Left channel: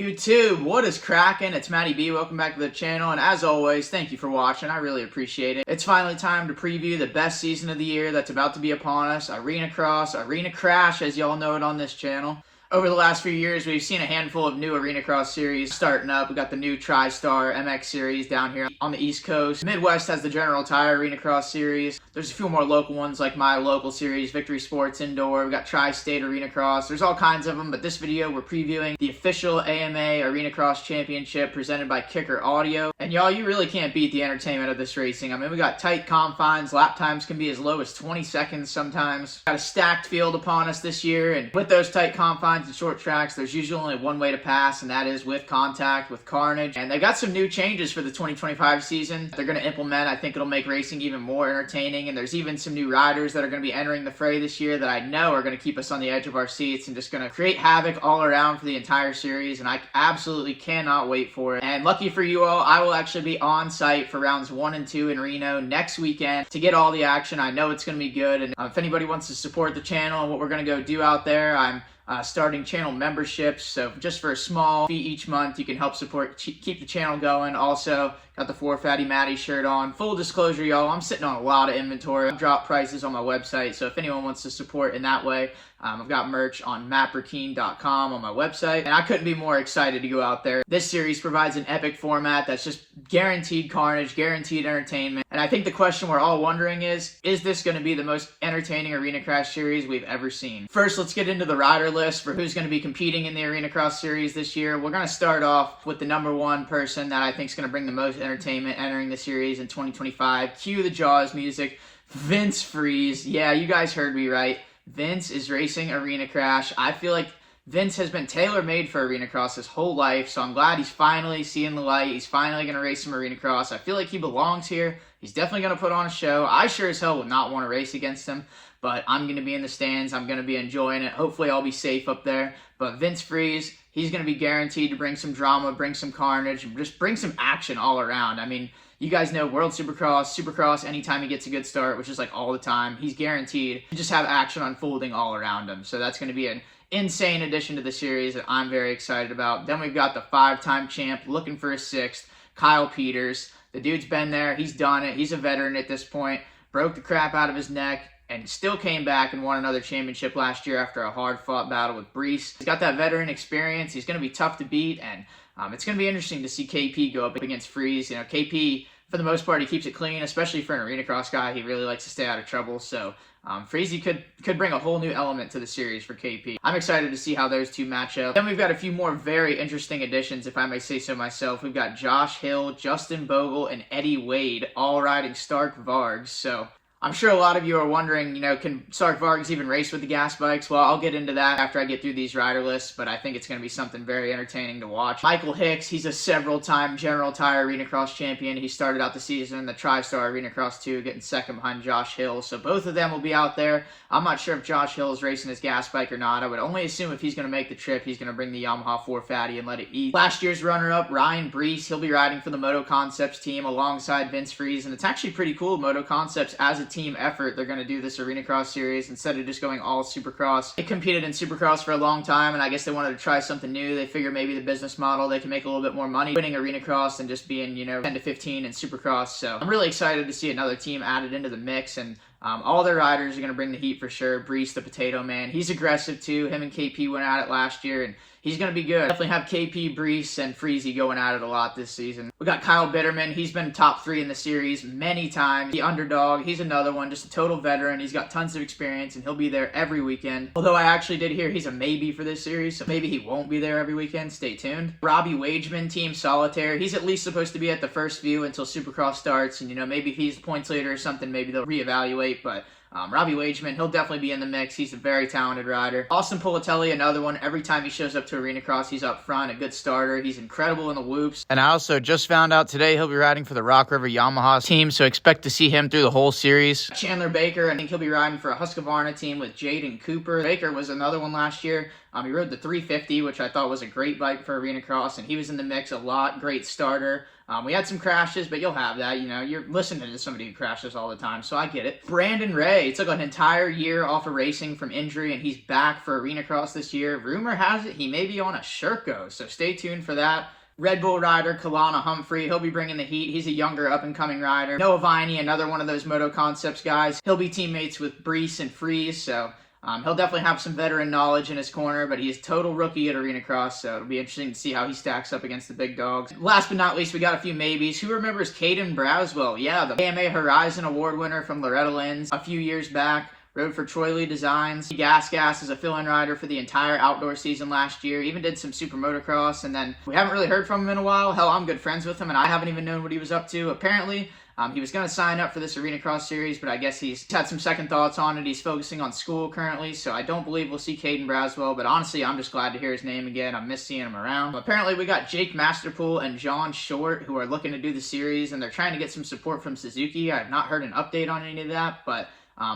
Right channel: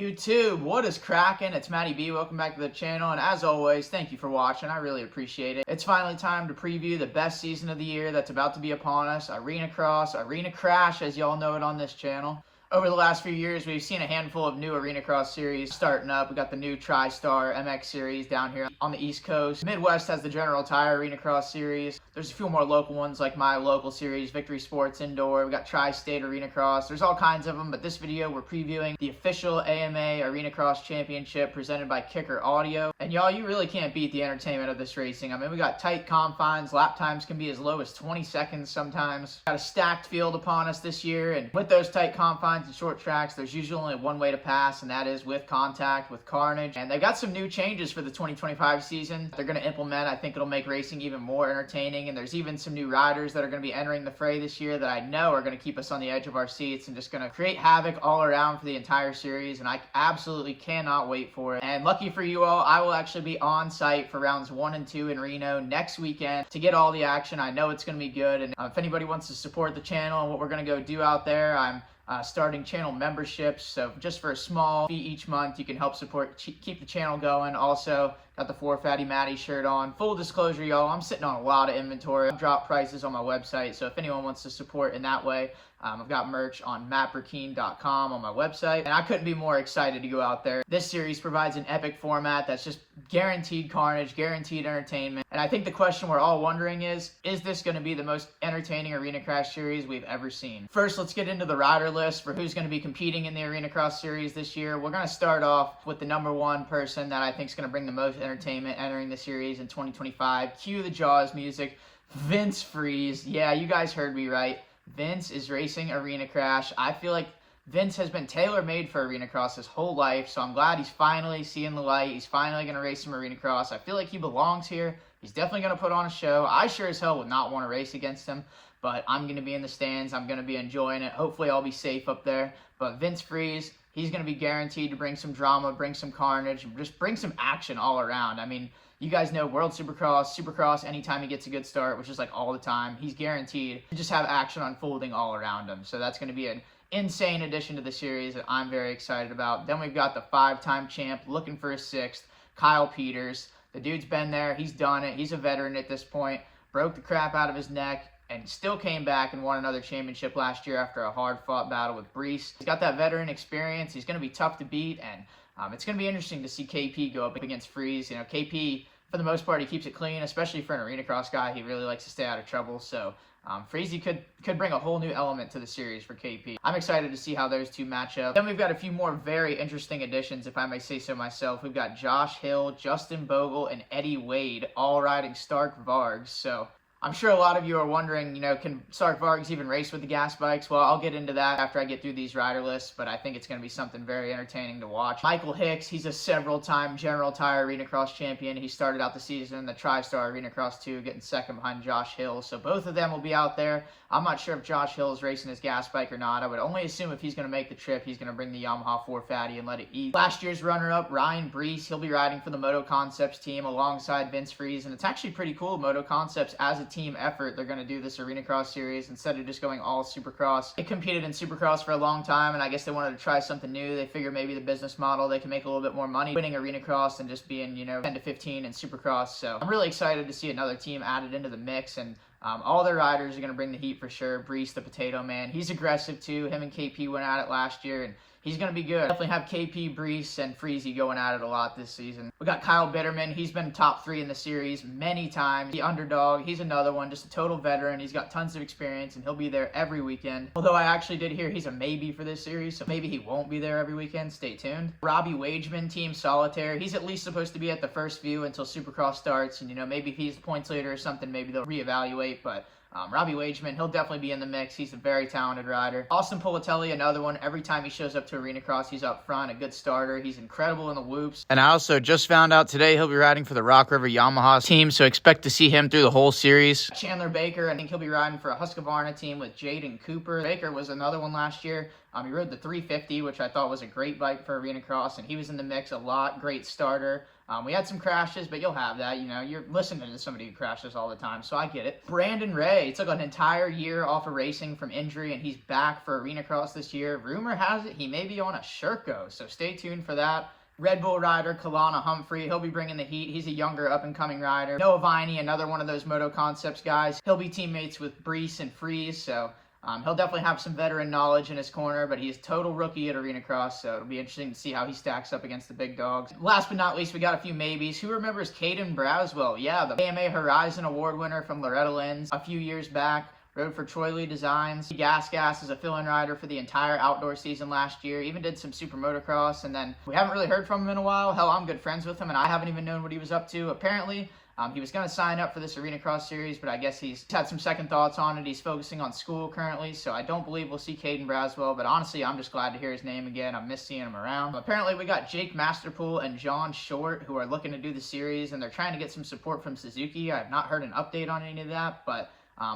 YouTube, what is cracking? It's Matty B. Welcome back to the channel, and as always, thank you for watching. I really appreciate it. It's finally time to preview the best season of the year that's about to be upon us, ARENACRASH, as y'all know it on this channel. Over the last few years, we've seen a handful of new ARENACROSS series starting up. We got the new TriStar MX series down here on the East Coast. Midwest has the General Tire ARENACROSS series. There's a few more local ones like my local series, Victory Sports Indoor. We got Tri-State ARENACROSS. There's all kinds of them, but this video we're previewing the official AMA ARENACROSS Championship presented by Kicker Audio. And y'all, you really can't beat the entertainment of this racing. I mean, we got tight confines. Lap times can be as low as 20 seconds sometimes. Got a stacked field upon us this year, and with those tight confines and short tracks, there's usually only one way to pass, and that is with contact, with carnage. And they got some new changes for the 2025 season they're going to implement. I think it'll make racing even more entertaining, and there's even some new riders that are going to be entering the fray this year that I know are going to keep us on the edge of our seats and just going to create havoc all around for the entire series, and I absolutely cannot wait for it. And lucky for you all, I will actually be on site for rounds 1 and 2 in Reno next weekend to get all the action. I know it's going to be good, and if anybody wants to support the channel and what we're going to go do out there, I'm starting channel memberships, so just for a small fee each month, you can help support, keep the channel going. Also, got the 4 Fatty Matty shirt on. Full disclosure, y'all, I'm sitting on a lot of inventory. I've dropped prices on my website, so if anyone wants to support in that way, I've got merch on mattburkeen.com on my website, and I couldn't be more excited to go out there. This series provides an epic format that's just guaranteed carnage, guaranteed entertainment, and I think the question we're all wondering is this going to be the most entertaining ARENACRASH series we've ever seen? First, let's get into the rider list for who's going to be competing in the ARENACROSS series this year. We're going to start off with the #1 person that I think is going to bring the most entertainment entering the series in 2025. Cue the Jaws music, Vince Friese. Yeah, you guys heard me right. Vince is racing ARENACRASH. I feel like Vince has been tailor-made for ARENACROSS his whole life, so I'm glad he's finally seeing the light. He's finally going to race some ARENACROSS. I feel like he belongs here. He's definitely going to put on a show. I sure as hell would not want to race against him, but I'm going to be in the stands. I'm going to be enjoying it. Hopefully I'll be safe up there. But Vince Friese, he's going to be guaranteed to bring some drama, bring some carnage, and just bring some action all around. I mean, you guys know World Supercross, anytime he gets a good start, which is like all the time, he's guaranteed to just have action unfolding all around him. So that's going to be an insane addition to the series that I'm very excited about. Then we've got the 5-time champ looking for a 6th, Kyle Peters. The dude's been there. He's done it. He's a veteran at this point. Broke the crap out of his neck and still came back and won another championship last year after a hard-fought battle with Friese. He's got that veteran experience. He's going to be tough to beat, and it's going to be interesting to see KP go up against Friese. You know, KP, for the most part, he keeps it clean, especially for an ARENACROSS guy. He really likes to stay out of trouble, so Friese could bring a whole new element to the series for KP. I'm excited to see how those two match up. Then we've got a few more very interesting additions, if I may say so myself. We've got Josh Hill, Justin Bogle, and Eddie Wade all riding Stark Vargs, so I'm sure a lot of you are wondering, you know, can Stark Vargs even race with the gas bikes? Well, I'll get into that after I get through these rider lists, but I think it's going to be something very entertaining to watch. Michael Hicks, he's a several-time General Tire ARENACROSS champion. He started out the season in the TriStar ARENACROSS 2, getting second behind Josh Hill, so both of them will be out there. I'm not sure if Josh Hill is racing his gas bike or not. I would only assume if he's going to make the trip, he's going to bring the Yamaha 4 Fatty and let it eat. Last year's runner-up, Ryan Friese, he'll be riding for the Moto Concepts team alongside Vince Friese, and it's actually pretty cool. Moto Concepts, as a team effort, they're going to do this ARENACROSS series instead of just going all Supercross. They competed in Supercross for a long time, and I guess they wanted to try something new. They figure maybe the business model, they can make a little bit more money winning ARENACROSS and just being, you know, 10 to 15 in Supercross. So I'm really excited to see another team added into the mix, and all their riders are going to bring the heat for sure. Friese, the Potato Man, he's aggressive too. Him and KP went at it last year, and he's going to be good. Definitely have KP, Friese, and Friese going at it a lot this season. We got Kyle Bitterman. He's been top 3 in the series many times. The underdog, he's another one, just a total veteran. He's got tons of experience, and he'll be there every weekend. Although I actually did hear he's a maybe for this series, so maybe he won't be there every weekend. Stay tuned. Robbie Wageman, Team Solitaire. He's at least supposed to be at the first few until Supercross starts, and, you know, maybe if he's the points leader or something, maybe they'll reevaluate, but Robbie Wageman, he'll definitely be in the mix. He's a very talented rider. Austin Politelli, another one. Every time he shows up to ARENACROSS, he's up front, a good starter. He's incredible in the whoops. And I also just found out today he'll be riding for the Rock River Yamaha team, so expect to see him through the whole series. Chandler Baker, I think he'll be riding for a Husqvarna team with Jaden Cooper. Baker was another one last year. He rode the 350, which I thought was a great bike for ARENACROSS, and he was in the mix a lot. Great starter. We had some crashes, but you'll have that. You know, you're listening to somebody who crashes all the time, so I get it. Brandon Ray took an entire year off of racing from injury, and he's back for ARENACRASH this year. Rumor has it he may be on a Sherco, so stay tuned for that. Red Bull rider Kalana Humphrey, he'll be bringing the heat. He's a younger up-and-coming rider. Noah Viney, another one of those Moto Concepts guys. He'll be teammates with Friese and Friese, so he'll definitely have some veteran knowledge in his corner, but he's total rookie at ARENACRASH, so it'll be interesting to see how he stacks up against the big dogs. Last but not least, we got a few maybes. Who remembers Caden Braswell? Yeah, the AMA Horizon Award winner from Loretta Lynn's a few years back. Rode for Troy Lee Designs. Gas as a fill-in rider for the entire outdoor season last year. Even did some super motocross, and then we haven't really heard from him in a while. Hell, I'm good friends with him, and I haven't even known what he was up to. Apparently, he was going to sign up for this ARENACRASH series, but I guess he's had some second thoughts on it. He's focusing on school currently, so I don't believe we'll see Caden Braswell, but honestly, I'm just glad to hear his name again. I miss seeing him around. Apparently, we got Jake Masterpool and John Short, who are looking to do the series, and they're trying to get some support from Suzuki. I have not heard an update on any of that, but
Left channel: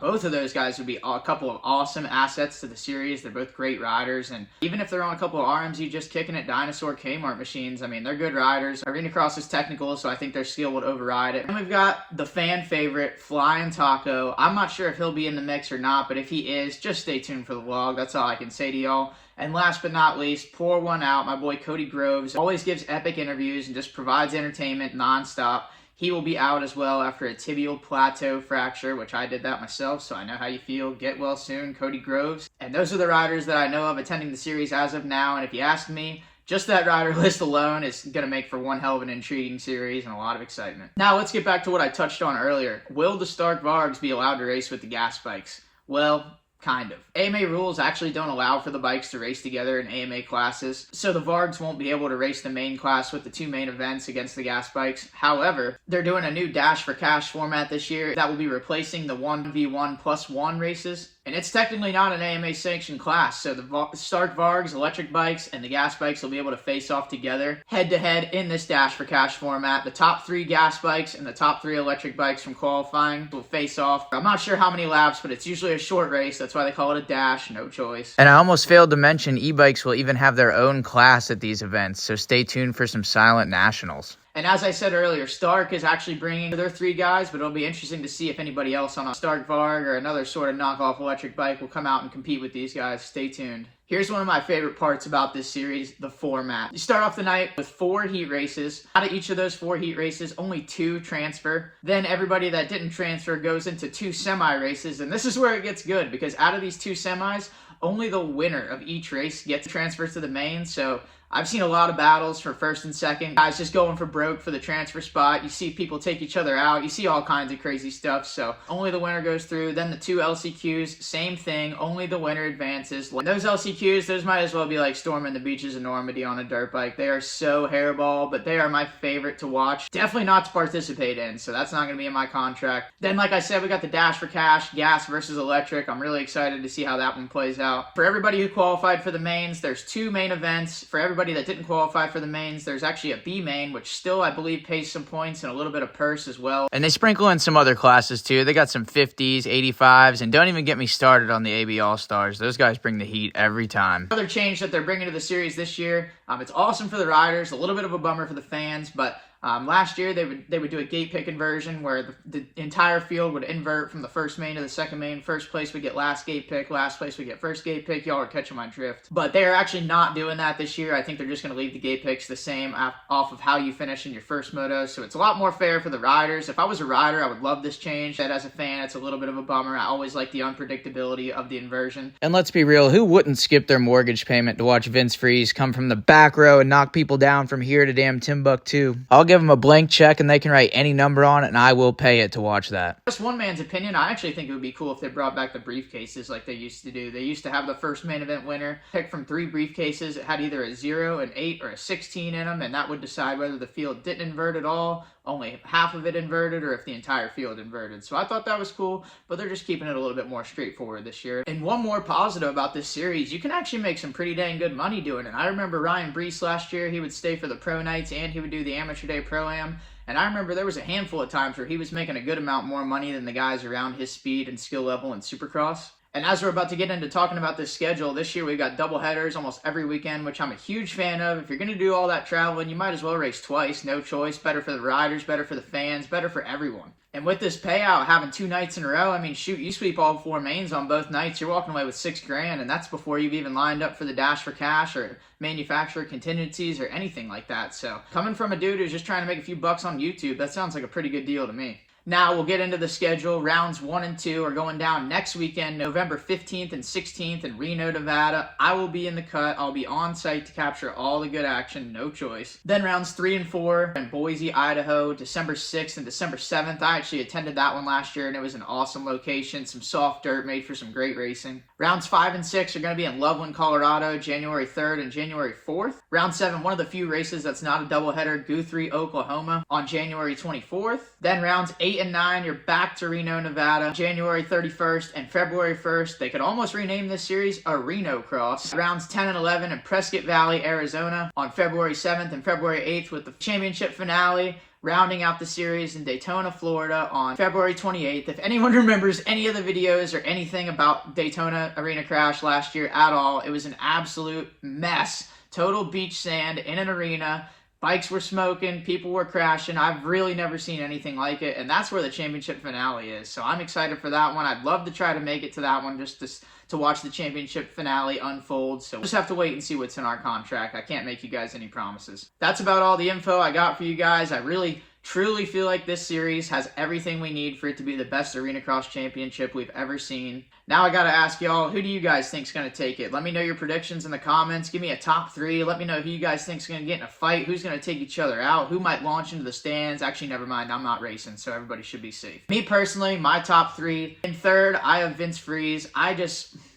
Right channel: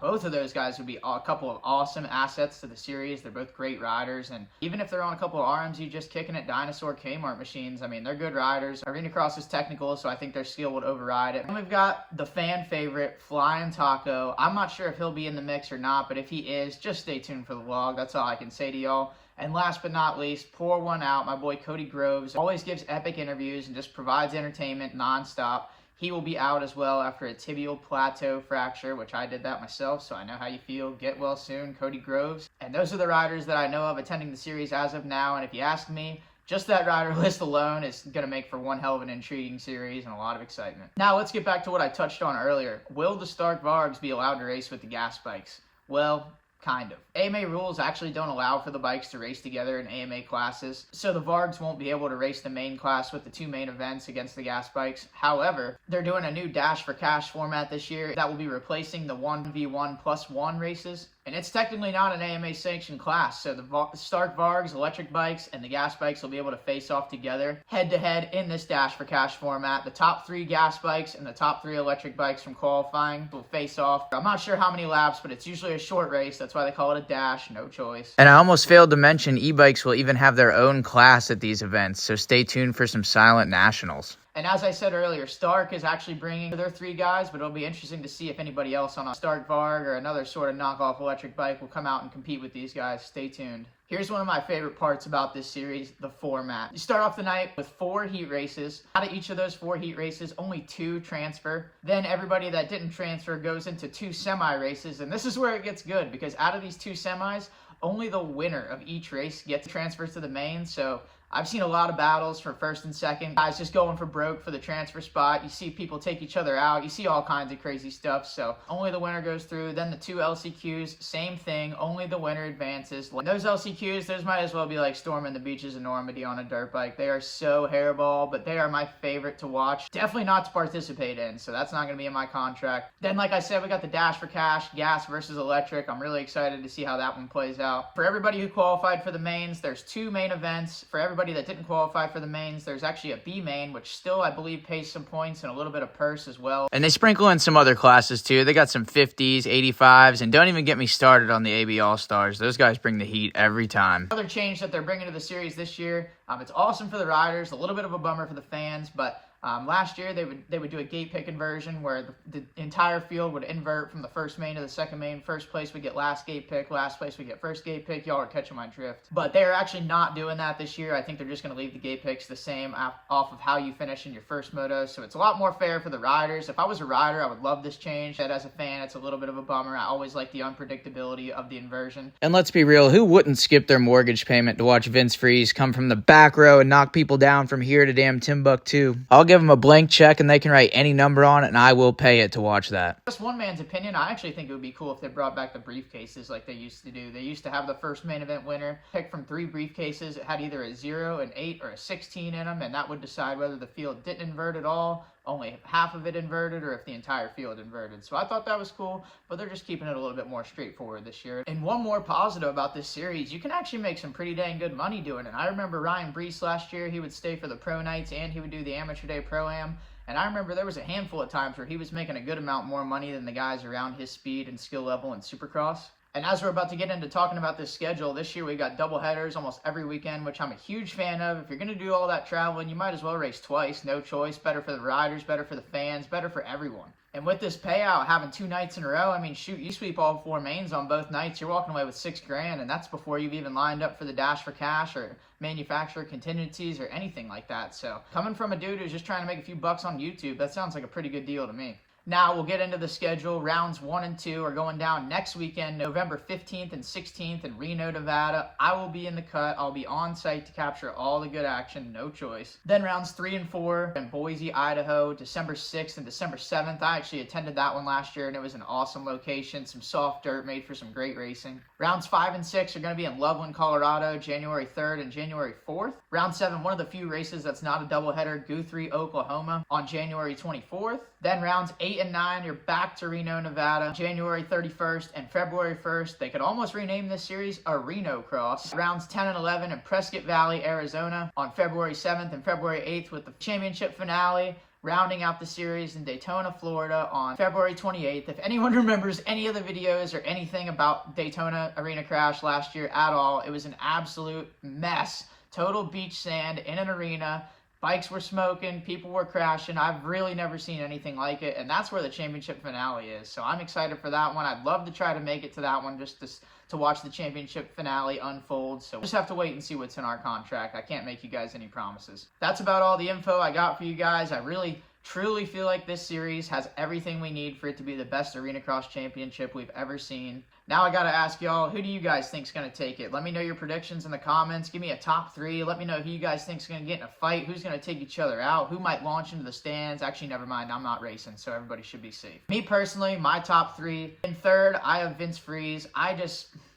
both of those guys would be a couple of awesome assets to the series. They're both great riders, and even if they're on a couple of RMZ just kicking at Dinosaur Kmart machines, I mean, they're good riders. ARENACRASH is technical, so I think their skill would override it. And we've got the fan favorite, Flying Taco. I'm not sure if he'll be in the mix or not, but if he is, just stay tuned for the vlog. That's all I can say to y'all. And last but not least, pour one out, my boy Cody Groves. Always gives epic interviews and just provides entertainment nonstop. He will be out as well after a tibial plateau fracture, which I did that myself, so I know how you feel. Get well soon, Cody Groves. And those are the riders that I know of attending the series as of now, and if you ask me, just that rider list alone is going to make for one hell of an intriguing series and a lot of excitement. Now let's get back to what I touched on earlier. Will the Stark Vargs be allowed to race with the gas bikes? Well, kind of. AMA rules actually don't allow for the bikes to race together in AMA classes, so the Vargs won't be able to race the main class with the two main events against the gas bikes. However, they're doing a new Dash for Cash format this year that will be replacing the 1v1+1 races. And it's technically not an AMA sanctioned class, so the Stark Vargs, electric bikes, and the gas bikes will be able to face off together head-to-head in this Dash for Cash format. The top 3 gas bikes and the top 3 electric bikes from qualifying will face off. I'm not sure how many laps, but it's usually a short race. That's why they call it a dash, no choice. And I almost failed to mention e-bikes will even have their own class at these events, so stay tuned for some silent nationals. And as I said earlier, Stark is actually bringing their 3 guys, but it'll be interesting to see if anybody else on a Stark Varg or another sort of knockoff electric bike will come out and compete with these guys. Stay tuned. Here's one of my favorite parts about this series, the format. You start off the night with 4 heat races. Out of each of those 4 heat races, only 2 transfer. Then everybody that didn't transfer goes into 2 semi-races, and this is where it gets good, because out of these 2 semis, only the winner of each race gets transferred to the main, so I've seen a lot of battles for first and second. Guys just going for broke for the transfer spot. You see people take each other out. You see all kinds of crazy stuff. So only the winner goes through. Then the 2 LCQs, same thing. Only the winner advances. And those LCQs, those might as well be like storming the beaches of Normandy on a dirt bike. They are so hairball, but they are my favorite to watch. Definitely not to participate in, so that's not going to be in my contract. Then, like I said, we got the Dash for Cash, gas versus electric. I'm really excited to see how that one plays out. For everybody who qualified for the mains, there's 2 main events. For everybody that didn't qualify for the mains, there's actually a B main, which still, I believe, pays some points and a little bit of purse as well. And they sprinkle in some other classes too. They got some 50s, 85s, and don't even get me started on the AB All-Stars. Those guys bring the heat every time. Another change that they're bringing to the series this year, it's awesome for the riders, a little bit of a bummer for the fans, but last year, they would do a gate pick inversion where the entire field would invert from the first main to the second main. First place would get last gate pick, last place would get first gate pick. Y'all are catching my drift. But they are actually not doing that this year. I think they're just going to leave the gate picks the same off of how you finish in your first moto. So it's a lot more fair for the riders. If I was a rider, I would love this change. But as a fan, it's a little bit of a bummer. I always like the unpredictability of the inversion. And let's be real, who wouldn't skip their mortgage payment to watch Vince Friese come from the back row and knock people down from here to damn Timbuktu? I'll give them a blank check and they can write any number on it and I will pay it to watch that. Just one man's opinion, I actually think it would be cool if they brought back the briefcases like they used to do. They used to have the first main event winner pick from 3 briefcases. It had either a 0, an 8, or a 16 in them, and that would decide whether the field didn't invert at all, only half of it inverted, or if the entire field inverted. So I thought that was cool, but they're just keeping it a little bit more straightforward this year. And one more positive about this series, you can actually make some pretty dang good money doing it. I remember Ryan Brees last year, he would stay for the pro nights and he would do the amateur day pro-am. And I remember there was a handful of times where he was making a good amount more money than the guys around his speed and skill level in Supercross. And as we're about to get into talking about this schedule, this year we've got double headers almost every weekend, which I'm a huge fan of. If you're going to do all that traveling, you might as well race twice. No choice. Better for the riders, better for the fans, better for everyone. And with this payout, having 2 nights in a row, I mean, shoot, you sweep all 4 mains on both nights, you're walking away with $6,000, and that's before you've even lined up for the dash for cash or manufacturer contingencies or anything like that. So coming from a dude who's just trying to make a few bucks on YouTube, that sounds like a pretty good deal to me. Now we'll get into the schedule. Rounds 1 and 2 are going down next weekend, November 15th and 16th in Reno, Nevada. I will be in the cut. I'll be on site to capture all the good action, no choice. Then rounds 3 and 4 in Boise, Idaho, December 6th and December 7th. I actually attended that one last year, and it was an awesome location, some soft dirt made for some great racing. Rounds 5 and 6 are going to be in Loveland, Colorado, January 3rd and January 4th. Round 7, one of the few races that's not a doubleheader, Guthrie, Oklahoma, on January 24th. Then rounds 8 and 9, you're back to Reno, Nevada, January 31st and February 1st. They could almost rename this series ARENACRASH. Rounds 10 and 11 in Prescott Valley, Arizona, on February 7th and February 8th with the championship finale. Rounding out the series in Daytona, Florida on February 28th. If anyone remembers any of the videos or anything about Daytona ARENACRASH last year at all, it was an absolute mess. Total beach sand in an arena. Bikes were smoking, people were crashing. I've really never seen anything like it, and that's where the championship finale is. So I'm excited for that one. I'd love to try to make it to that one just to watch the championship finale unfold. So we'll just have to wait and see what's in our contract. I can't make you guys any promises. That's about all the info I got for you guys. I really truly feel like this series has everything we need for it to be the best ARENACRASH championship we've ever seen. Now I gotta ask y'all, who do you guys think's gonna take it? Let me know your predictions in the comments. Give me a top 3. Let me know who you guys think's gonna get in a fight. Who's gonna take each other out? Who might launch into the stands? Actually, never mind. I'm not racing, so everybody should be safe. Me personally, my top 3. In third, I have Vince Friese.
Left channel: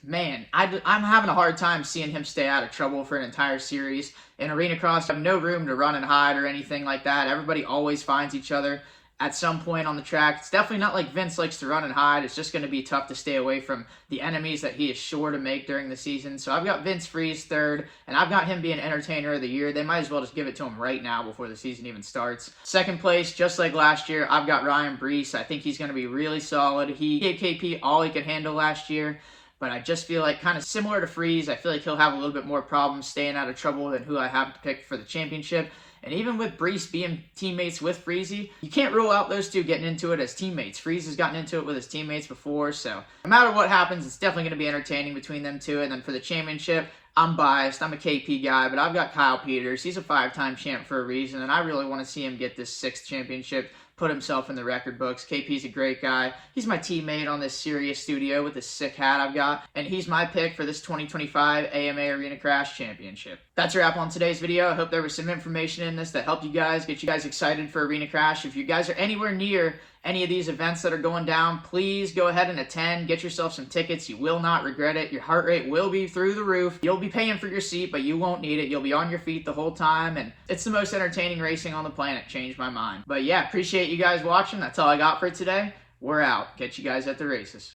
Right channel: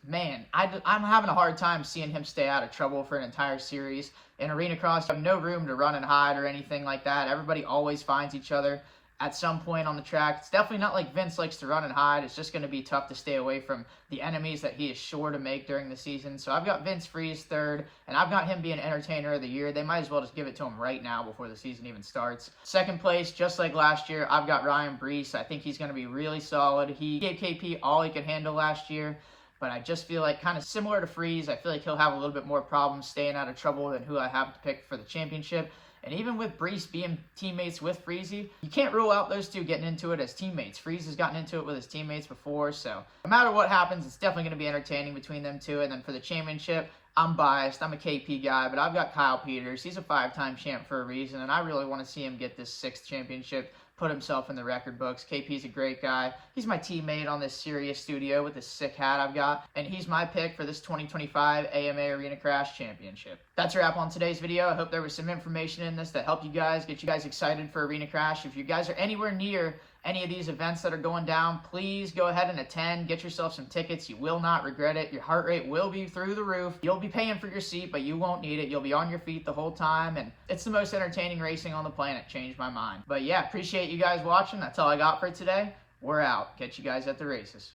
Man, I'm having a hard time seeing him stay out of trouble for an entire series. In ARENACRASH, you have no room to run and hide or anything like that. Everybody always finds each other at some point on the track. It's definitely not like Vince likes to run and hide. It's just going to be tough to stay away from the enemies that he is sure to make during the season. So I've got Vince Friese third, and I've got him being Entertainer of the Year. They might as well just give it to him right now before the season even starts. Second place, just like last year, I've got Ryan Brees. I think he's going to be really solid. He gave KP all he could handle last year. But I just feel like, kind of similar to Friese, I feel like he'll have a little bit more problems staying out of trouble than who I have to pick for the championship. And even with Brees being teammates with Friese, you can't rule out those two getting into it as teammates. Friese has gotten into it with his teammates before, so no matter what happens, it's definitely going to be entertaining between them two. And then for the championship, I'm biased. I'm a KP guy, but I've got Kyle Peters. He's a 5-time champ for a reason, and I really want to see him get this 6th championship, put himself in the record books. KP's a great guy. He's my teammate on this Sirius studio with this sick hat I've got, and he's my pick for this 2025 AMA ARENACRASH Championship. That's a wrap on today's video. I hope there was some information in this that helped you guys, get you guys excited for ARENACRASH. If you guys are anywhere near any of these events that are going down, please go ahead and attend. Get yourself some tickets. You will not regret it. Your heart rate will be through the roof. You'll be paying for your seat, but you won't need it. You'll be on your feet the whole time, and it's the most entertaining racing on the planet. Changed my mind. But yeah, appreciate you guys watching. That's all I got for today. We're out. Catch you guys at the races.